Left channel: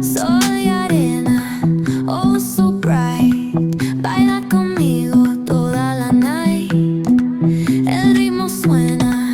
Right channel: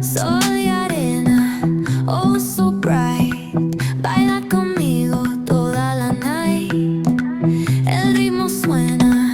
Sol y arena, oh so bright, baila conmigo toda la night. El ritmo suena